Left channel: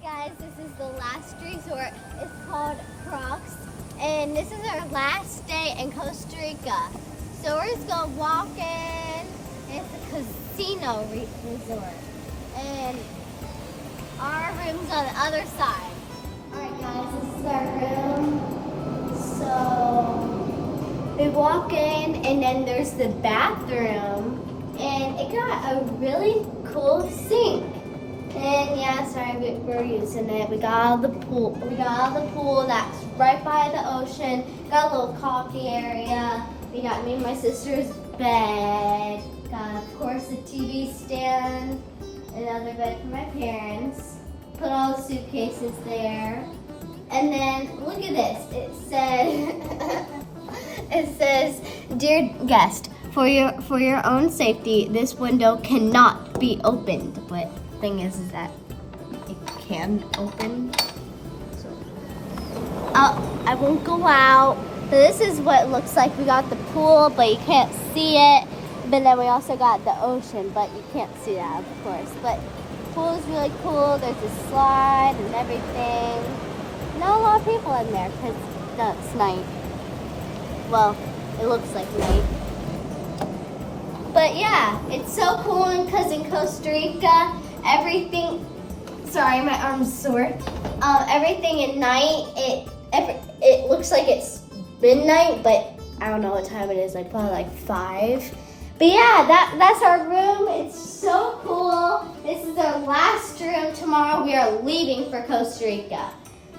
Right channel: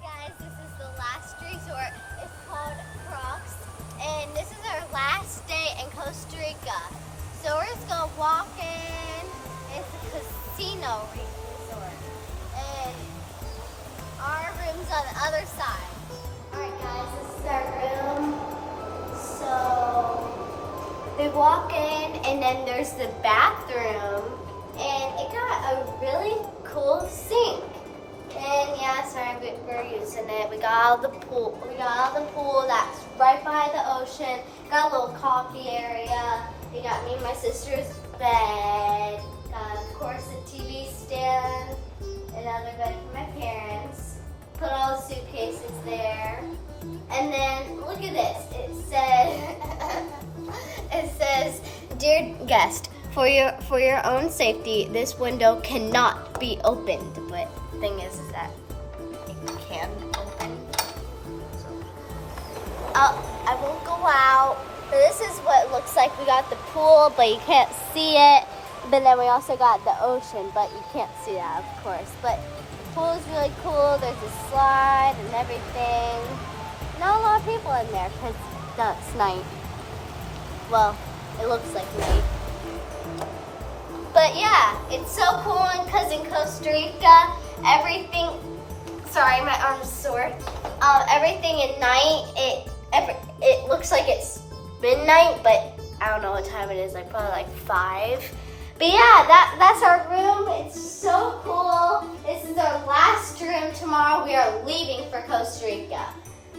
Hey guys, this is the last resort. It's called Crocs, and this is our last day in Costa Rica. So we're just gonna walk in. It's a casino resort, and our room's on the other side. All right, guys, this is our room. So we walk in, and then there's the bathroom, and it got a really cool sink. And yeah, sorry, we're using it. We got all the pool. We got all the pool that's right by the ocean. Got a little coffee area. We got me and my sister's bed. Got, of course, a TV stand. Another bed for my parents. Put all the suitcases there. And then look at this. It says, "Dear guest, for your own safety, this window cannot be opened." But thing is that it can open. So, I won't go out. So this is what it looks like. We got the pool, but you can't see it. But then we also got the ocean, but you can't see that, of course. But the pool is really cool. There's a slide and everything. Not a lot of people in there because it's night. Well, it looks like night. But yeah, it's so cool because in Costa Rica, everything, sorry, my arm's sore. Everything at night, it looks like it's midnight, but I don't know what time it is, like probably like 5. But yeah, that's our room. It's so cool. This is our last room. Tomorrow we are leaving for Costa Rica.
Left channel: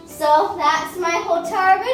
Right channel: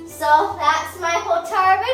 So that's my hotel room.